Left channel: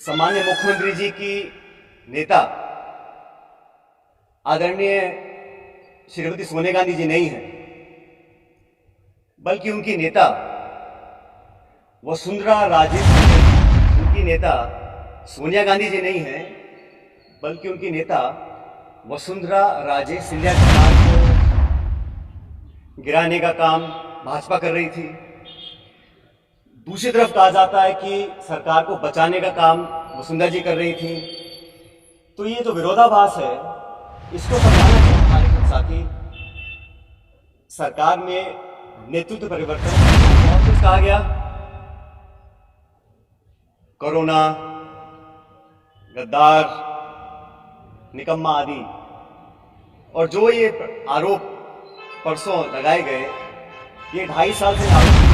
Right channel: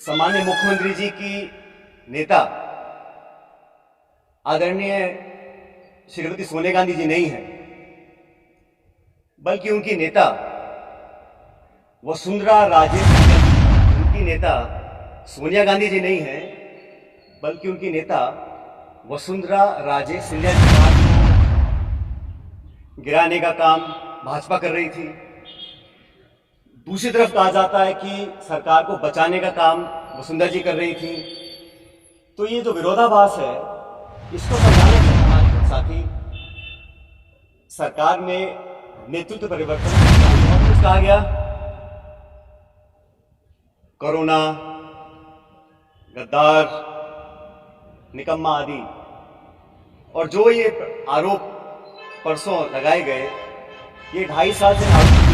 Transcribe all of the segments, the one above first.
सम्माननीय मुख्यमंत्री जी की नेता आदरणीय श्रीमती सोनिया गांधी जी नहीं है, बल्कि उनकी नेता वसुंधरा राजे उनकी नेता सोनिया गांधी जी नहीं है, बल्कि उनकी नेता वसुंधरा राजे सिंधिया सरकार को गिराने का काम भाजपा कर रही थी। दूसरी तरफ कहा जाता है कि सरकार को बचाने का काम वसुंधरा जी कर रही थी। तो ये जो विरोधाभास है, इसको समझाना चाहिए हमारे कुछ साथी। सरकार में नेतृत्व परिवर्तन बहुत कुछ कहा गया, कोरोना, गद्दार, निकम्मा आदि, और जो ये आरोप परसों लगाए गए, ये 2.5 साल से आरोप हुआ।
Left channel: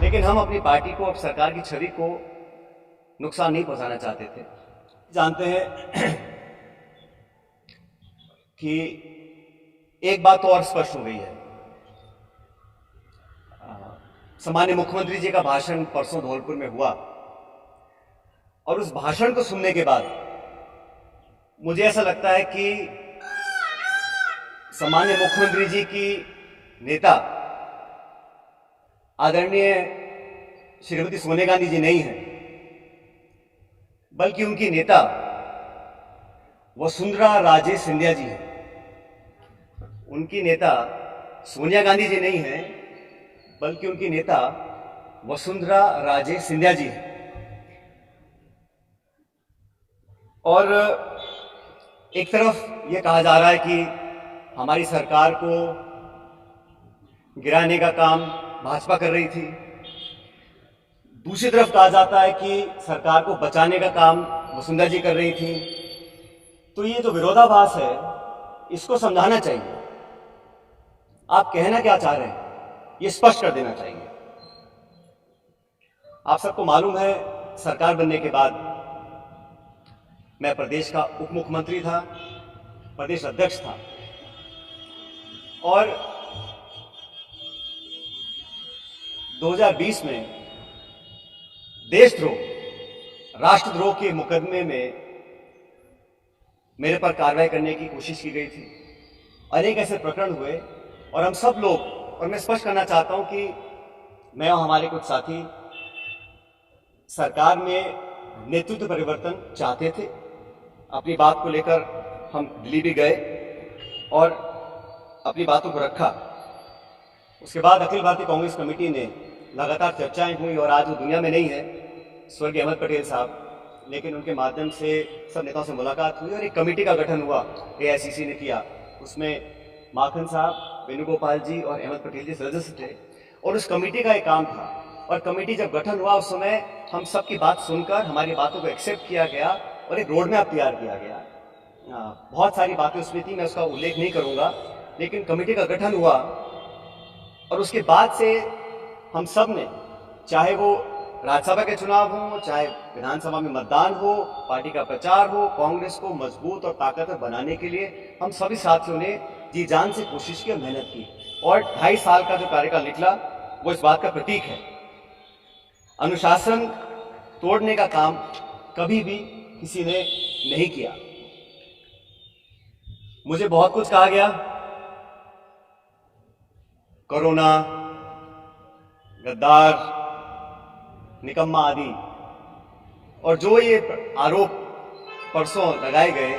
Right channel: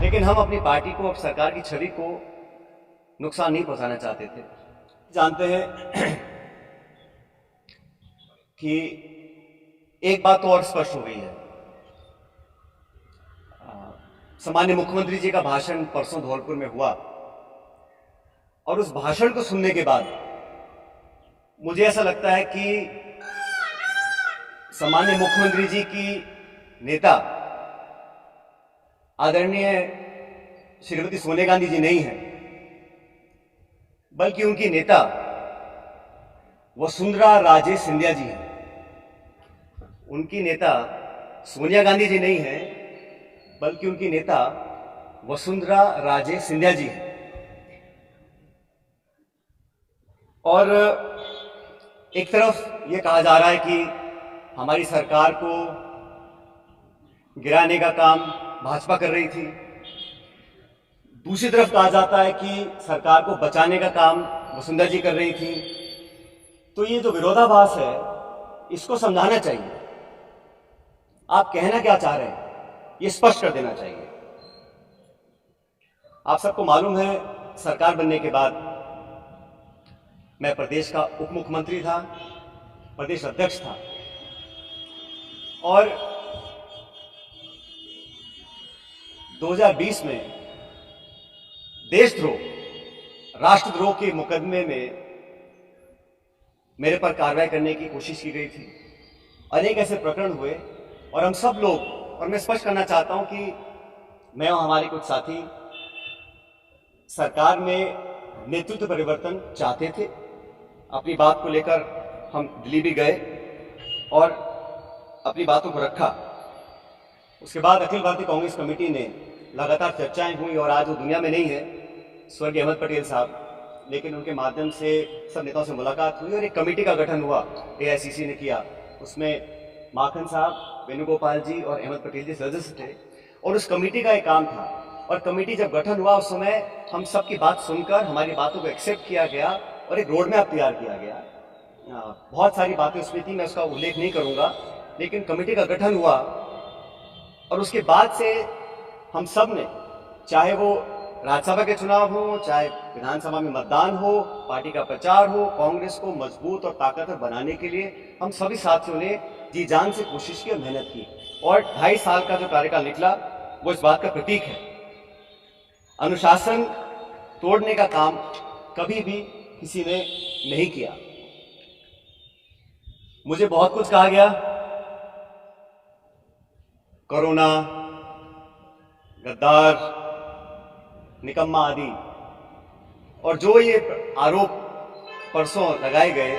लेकिन हम अपनी पार्टी को और सरकार की छवि को नुकसान नहीं पहुंचाना चाहते थे। जानते हैं कि एक बात तो और स्पष्ट हो गई है। सम्माननीय मुख्यमंत्री जी का भाषण परसों धौलपुर में हुआ, और उस भाषण को सुनने के बाद मुझे ऐसा लगता है कि सम्माननीय मुख्यमंत्री जी की नेता आदरणीय श्रीमती सोनिया गांधी जी नहीं है, बल्कि उनकी नेता वसुंधरा राजे सिंधिया जी हैं। उनकी नेता सोनिया गांधी जी नहीं है, बल्कि उनकी नेता वसुंधरा राजे सिंधिया जी हैं। और एक तरफ ये कहा जा रहा है कि हमारी सरकार को गिराने का काम भाजपा कर रही थी। दूसरी तरफ कहा जाता है कि सरकार को बचाने का काम वसुंधरा जी कर रही थी। तो ये जो विरोधाभास है, इसको समझाना चाहिए। आप कहना क्या चाह रहे हैं, ये स्पष्ट कर देना चाहिए। आप सबको मालूम है, सरकार बनने के बाद मैं प्रदेश का उप मुख्यमंत्री था, प्रदेश अध्यक्ष था, और 2020 में देशद्रोह, राष्ट्रद्रोह के मुकदमे में मेरे पर कार्रवाई करने की कोशिश की गई थी। अनेक ऐसे प्रकरण हुए, और हम सब लोग, और मैं स्पष्ट करना चाहता हूं कि मैं और हमारे कुछ साथी सरकार में नेतृत्व परिवर्तन चाहते थे। अपनी बात को लेकर हम दिल्ली भी गए और अपनी बातों को रखा। उसके बाद अखिल भारतीय कांग्रेस कमेटी ने लगातार चर्चाएं हुई, और आज वो दुनिया में नहीं है, स्वर्गीय अहमद पटेल साहब, लेकिन उनके माध्यम से सब नेताओं से मुलाकात हुई और एक कमेटी का गठन हुआ, एआईसीसी ने किया। उसमें माखन साहब, वेणुगोपाल जी और अहमद पटेल जी सदस्य थे, और उस कमेटी का एक काम था। और कमेटी जब गठन हुआ, उस समय हम सबकी बात सुनकर हमारी बातों को एक्सेप्ट किया गया और एक रोड मैप तैयार किया गया। बहुत सारी बातें उसमें थी, मैं उसका उल्लेख नहीं करूंगा, लेकिन कमेटी का गठन हुआ, और उसके बाद से हम सब ने, चाहे वो राज्यसभा के चुनाव हो, चाहे विधानसभा में मतदान हो, पार्टी का प्रचार हो, कांग्रेस को मजबूत और ताकतवर बनाने के लिए हम सभी साथियों ने जी जान से कोशिश की और मेहनत की। और 2.5 साल का जो कार्यकाल निकला, वो इस बात का प्रतीक है। अनुशासन तोड़ने का काम कभी भी किसी ने नहीं किया। मुझे बहुत कुछ कहा गया, कोरोना, गद्दार, निकम्मा आदि, और जो ये आरोप परसों लगाए गए,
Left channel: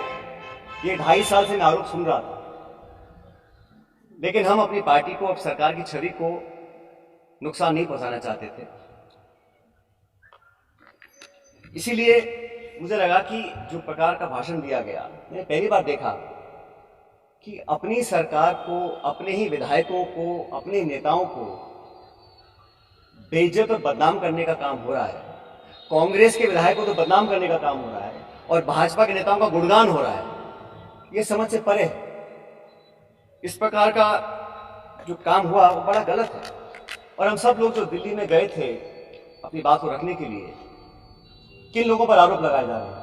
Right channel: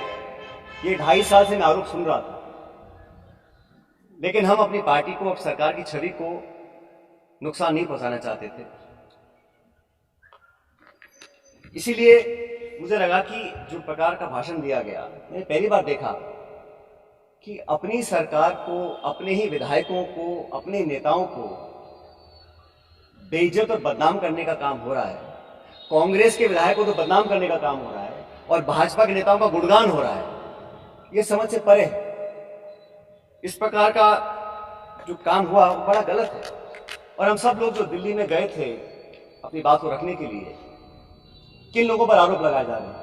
ये 2.5 साल से मैं आरोप सुन रहा था। लेकिन हम अपनी पार्टी को और सरकार की छवि को नुकसान नहीं पहुंचाना चाहते थे। इसीलिए मुझे लगा कि जो प्रकार का भाषण दिया गया, मैंने पहली बार देखा कि अपनी सरकार को, अपने ही विधायकों को, अपने नेताओं को बेइज्जत और बदनाम करने का काम हो रहा है। कांग्रेस के विधायकों को तो बदनाम करने का काम हो रहा है, और भाजपा के नेताओं का गुणगान हो रहा है। ये समझ से परे है। इस प्रकार का जो काम हुआ, वो बड़ा गलत है। और हम सब लोग जो दिल्ली में गए थे अपनी बात को रखने के लिए, किन लोगों पर आरोप लगाए जा रहे हैं?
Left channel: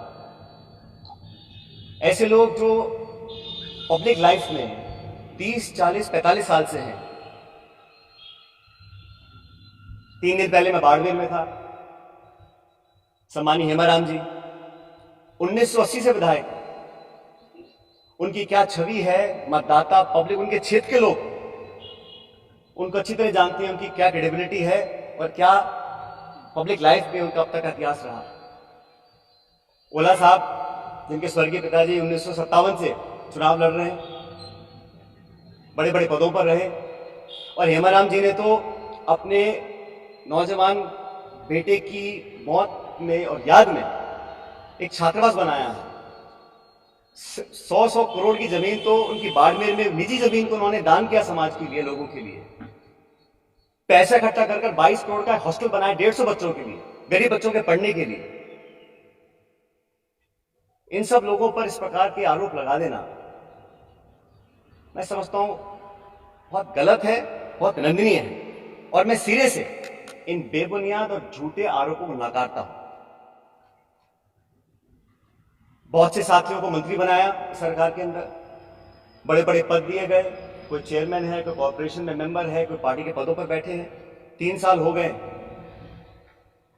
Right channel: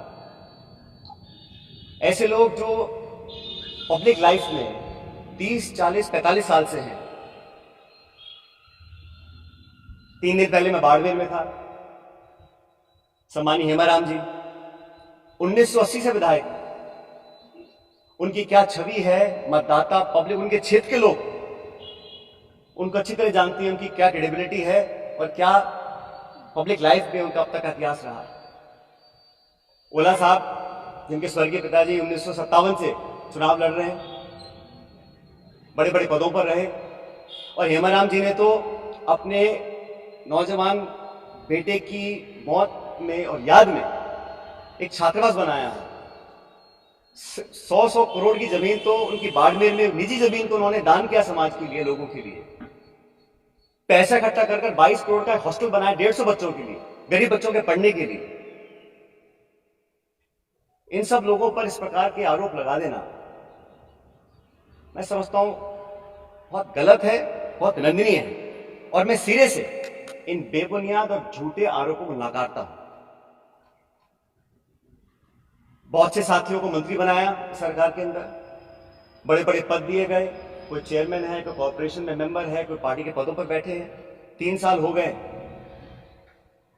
ऐसे लोग जो पब्लिक लाइफ में 30, 40, 45 साल से हैं। 3 दिन पहले मैं बाड़मेर में था, सम्मानीय हेमाराम जी, 1980 से विधायक, उनकी क्या छवि है, मतदाता, पब्लिक, उनके क्षेत्र के लोग उनको अच्छी तरह जानते हैं, उनकी क्या क्रेडिबिलिटी है और क्या पब्लिक लाइफ में उनका अब तक का इतिहास रहा। ओला साहब, जिनके स्वर्गीय पिताजी 1957 से चुनाव लड़ रहे हैं, बड़े बड़े पदों पर रहे, और हेमाराम जी ने तो अपने नौजवान बेटे की मौत में और याद में एक छात्रावास बनाया है। 100 करोड़ की जमीन तो उनकी बाड़मेर में निजी जमीन को उन्होंने दान किया समाज के लिए, लोगों के लिए। पैसा इकट्ठा कर 22 करोड़ का हॉस्टल बनाया 150 बच्चों के लिए, गरीब बच्चों के पढ़ने के लिए। इन सब लोगों पर इस प्रकार के आरोप लगा देना मैं समझता हूं बहुत गलत है, बहुत निंदनीय है, और मैं सिरे से इन बेबुनियाद और झूठे आरोपों को नकारता हूं। बहुत से साथियों को मंत्री बनाया सरकार के अंदर, बड़े बड़े पद दिए गए, कोई चेयरमैन है, कोई कॉर्पोरेशन में मेंबर है, कोई पार्टी के पदों पर बैठे हैं, 3 साल हो गए।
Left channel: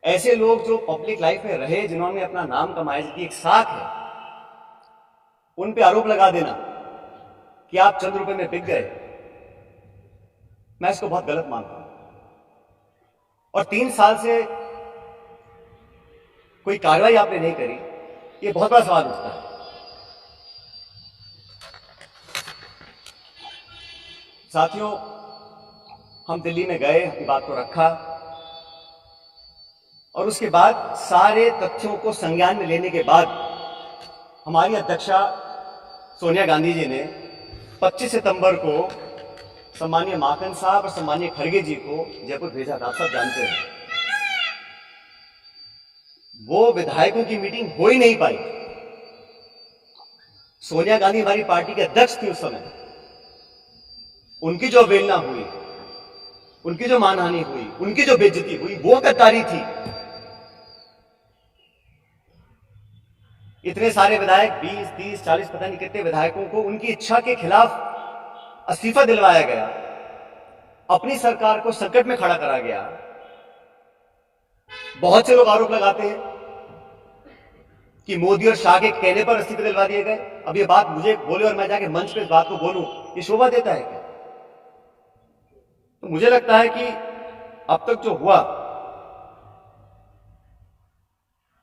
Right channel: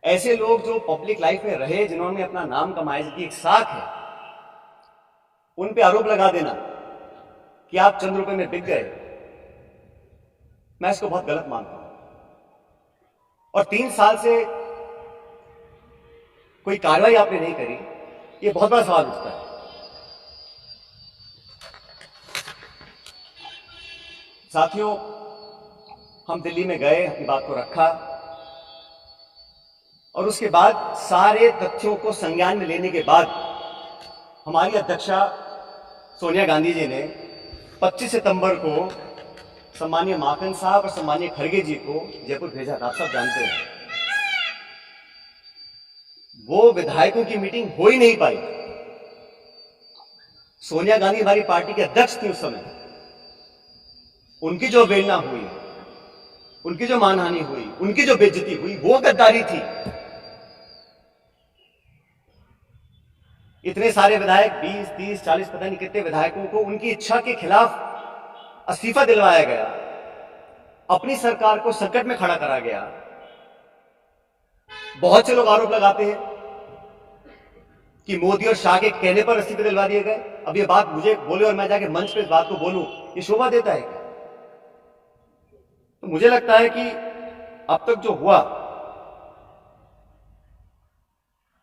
ऐसे लोग जो पब्लिक लाइफ में रहे, जिन्होंने अपना नाम कमाया, जिनकी एक साख है, उन पे आरोप लगा देना कि आप चंद रुपए में बिक गए, मैं इसको बहुत गलत मानता हूं। और 3 साल से कोई कार्रवाई आपने नहीं करी, ये बहुत बड़ा सवाल उठता है। साथियों, हम दिल्ली में गए, अपनी बात को रखा, और उसके बाद सारे तथ्यों को संज्ञान में लेने के बाद हमारी अध्यक्षा सोनिया गांधी जी ने 25 सितंबर को सम्मानीय माकन साहब और सम्मानीय खड़गे जी को जयपुर भेजा था। आप सब जानते हैं, वो विधायकों की मीटिंग हो ही नहीं पाई। सोनिया गांधी हमारी पार्टी के अध्यक्ष थी उस समय, उनकी जो अवहेलना हुई, उनकी जो मानहानि हुई, उनकी जो बेइज्जती हुई, वो गद्दारी थी। इतने सारे विधायक, 20, 30, 40, पता नहीं कितने विधायकों को उनकी इच्छा के खिलाफ इस्तीफा दिलवाया गया, अपनी सरकार को संकट में खड़ा करा गया। बहुत से लोग आरोप लगाते हैं कि मोदी और शाह के कहने पर इस्तीफे दिलवा दिए गए। अब ये बात मुझे बोले और मैं जाके मंच पे इस बात को बोलूं, ये शोभा देता है क्या? तो मुझे लगता है कि अब तक जो हुआ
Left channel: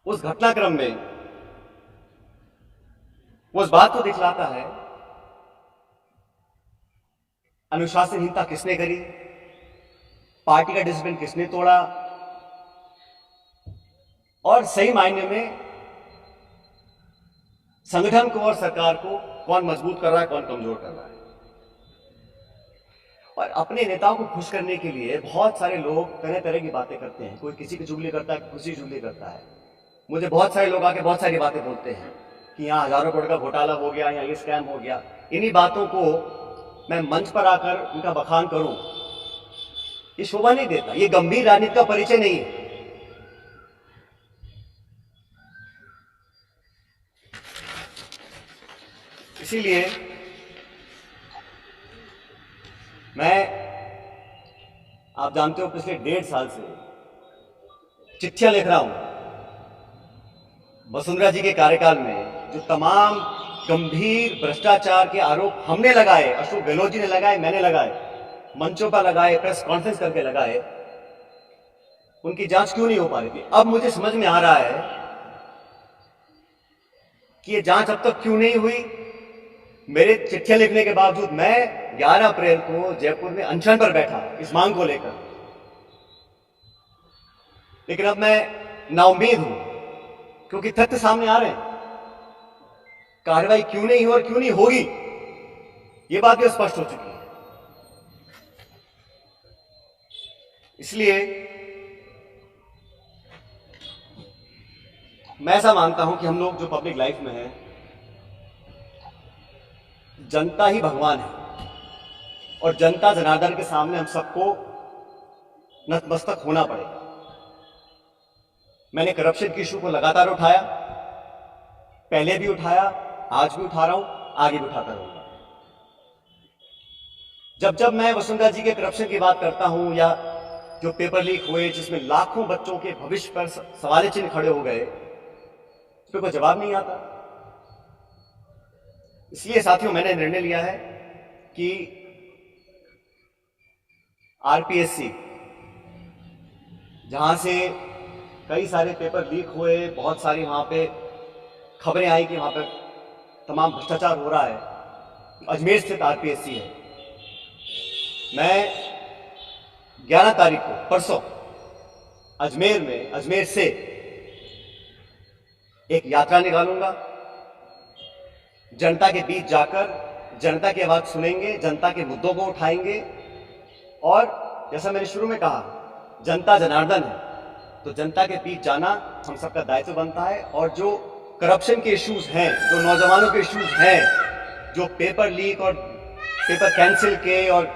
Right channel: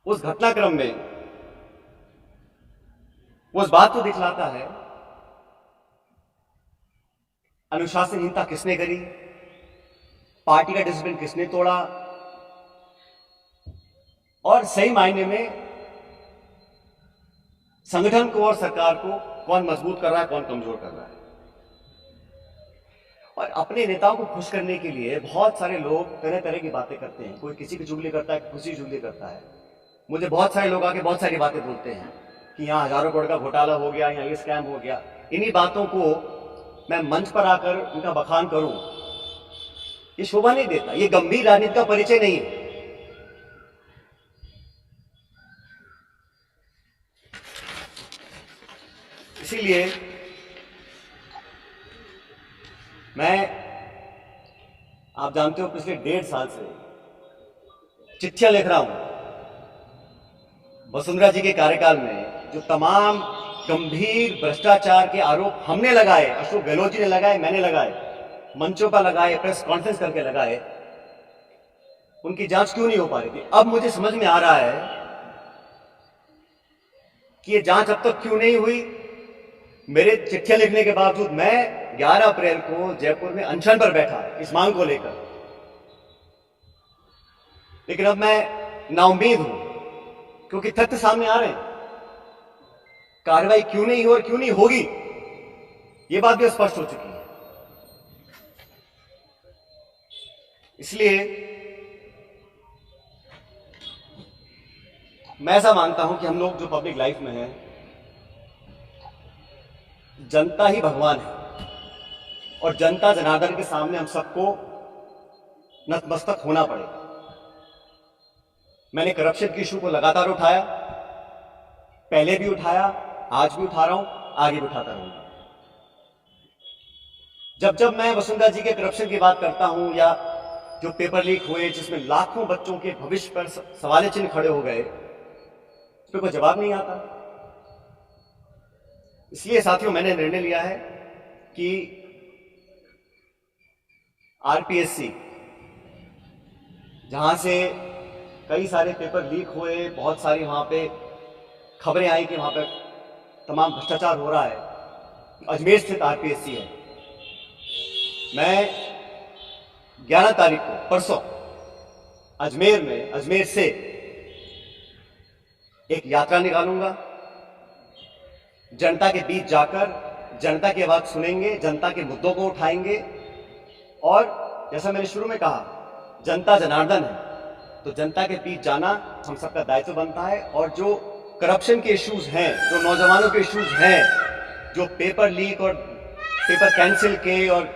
उस घटनाक्रम में वो इस बात को दिखलाता है अनुशासनहीनता किसने करी, पार्टी का डिसिप्लिन किसने तोड़ा, और सही मायने में संगठन को और सरकार को कौन मजबूत कर रहा है, कौन कमजोर कर रहा है। और अपने नेताओं को खुश करने के लिए बहुत सारे लोग तरह तरह की बातें करते हैं। कोई किसी की चुगली करता है, किसी की चुगली करता है। मुझे बहुत सारे लोग आके बहुत सारी बातें बोलते हैं कि यहाँ हजारों करोड़ का घोटाला हो गया, यहाँ ये स्कैम हो गया। इन्हीं बातों को मैं मंच पर आकर उनका बखान करूं, ये शोभा नहीं देता, ये गंभीर राजनीति का परिचय नहीं है। इसीलिए आप जानते हो, पिछले 1.5 साल से चिट्ठियां लिख रहा हूं वसुंधरा जी के कार्यकाल में जो तमाम गंभीर भ्रष्टाचार के आरोप हमने लगाए, अशोक गहलोत जी ने लगाए, मैंने लगाए, मंचों पर लगाए, प्रेस कॉन्फ्रेंस करके लगाए, उनकी जांच क्यों नहीं हो पा रही थी। अब मुझे समझ में आ रहा है कि ये जांच अब तक क्यों नहीं हुई। मेरे चिट्ठियां लिखने के बावजूद मैं 11 अप्रैल को जयपुर में अनशन पर बैठा इस मांग को लेकर, लेकिन अब मैं नाउम्मीद हूं क्योंकि तथ्य सामने आ रहे हैं। कार्रवाई क्यों नहीं हो और क्यों नहीं होगी, यह बात भी स्पष्ट हो चुकी है। इसलिए मैं ऐसा मानता हूं कि हम लोग जो पब्लिक लाइफ में हैं, जनता ही भगवान है और जनता जनार्दन के सामने हम सबको नतमस्तक होना पड़ेगा। मैंने करप्शन की इशू को लगातार उठाया, पहले भी उठाया, आज भी उठा रहा हूं, आगे भी उठाता रहूंगा। जब जब मैं वसुंधरा जी के करप्शन की बात करता हूं या जो पेपर लीक हुए जिसमें लाखों बच्चों के भविष्य पर सवाल चिन्ह खड़े हो गए, इस पर कोई जवाब नहीं आता। इसलिए साथियों मैंने निर्णय लिया है कि आरपीएससी, जहां से कई सारे पेपर लीक हुए, बहुत सारी वहां पे खबरें आई कि वहां पर तमाम भ्रष्टाचार हो रहा है, अजमेर स्थित आरपीएससी है। मैं 11 तारीख को परसों अजमेर से एक यात्रा निकालूंगा। जनता के बीच जाकर जनता की आवाज सुनेंगे, जनता के मुद्दों को उठाएंगे और जैसा मैंने शुरू में कहा, जनता जनार्दन है, तो जनता के बीच जाना हम सबका दायित्व बनता है। और जो करप्शन के इश्यूज हैं, जो नौजवानों के इश्यूज हैं, जो पेपर लीक और पेपर कैंसिल के और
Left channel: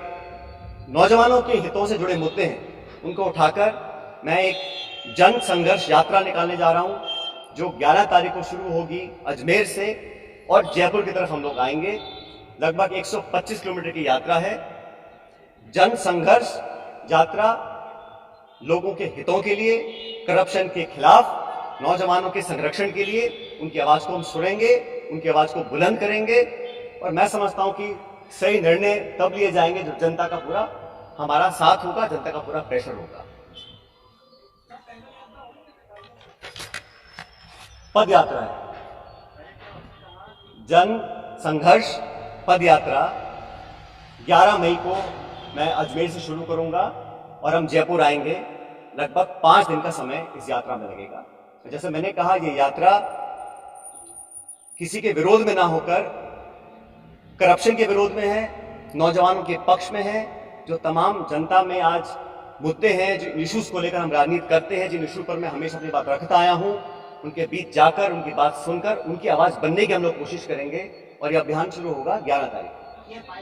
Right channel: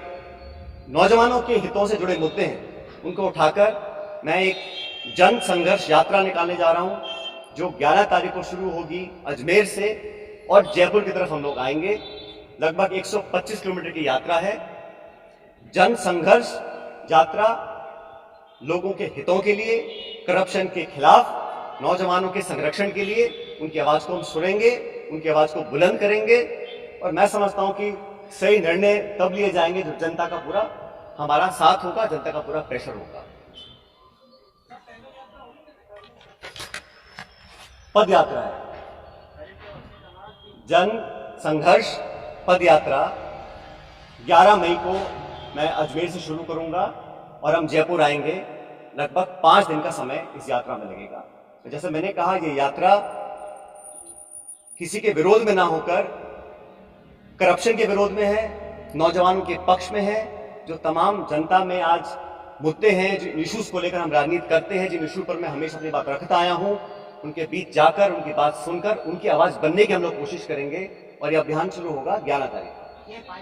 नौजवानों के हितों से जुड़े मुद्दे हैं, उनको उठाकर मैं एक जन संघर्ष यात्रा निकालने जा रहा हूं, जो 11 तारीख को शुरू होगी अजमेर से और जयपुर की तरफ हम लोग आएंगे। लगभग 125 किलोमीटर की यात्रा है। जन संघर्ष यात्रा लोगों के हितों के लिए, करप्शन के खिलाफ, नौजवानों के संरक्षण के लिए। उनकी आवाज को हम सुनेंगे, उनकी आवाज को बुलंद करेंगे और मैं समझता हूं कि सही निर्णय तब लिए जाएंगे जब जनता का पूरा हमारा साथ होगा, जनता का पूरा प्रेशर होगा। पद यात्रा है, जन संघर्ष पद यात्रा 11 मई को मैं अजमेर से शुरू करूंगा और हम जयपुर आएंगे। लगभग 5 दिन का समय इस यात्रा में लगेगा। जैसे मैंने कहा, ये यात्रा किसी के विरोध में ना होकर करप्शन के विरोध में है, नौजवानों के पक्ष में है। जो तमाम जनता में आज मुद्दे हैं, जो इश्यूज को लेकर हम राजनीति करते हैं, जिन इशू पर मैं हमेशा अपनी बात रखता आया हूं, उनके बीच जाकर, उनकी बात सुनकर, उनकी आवाज बनने की हम लोग कोशिश करेंगे। और यह अभियान शुरू होगा 11 तारीख को।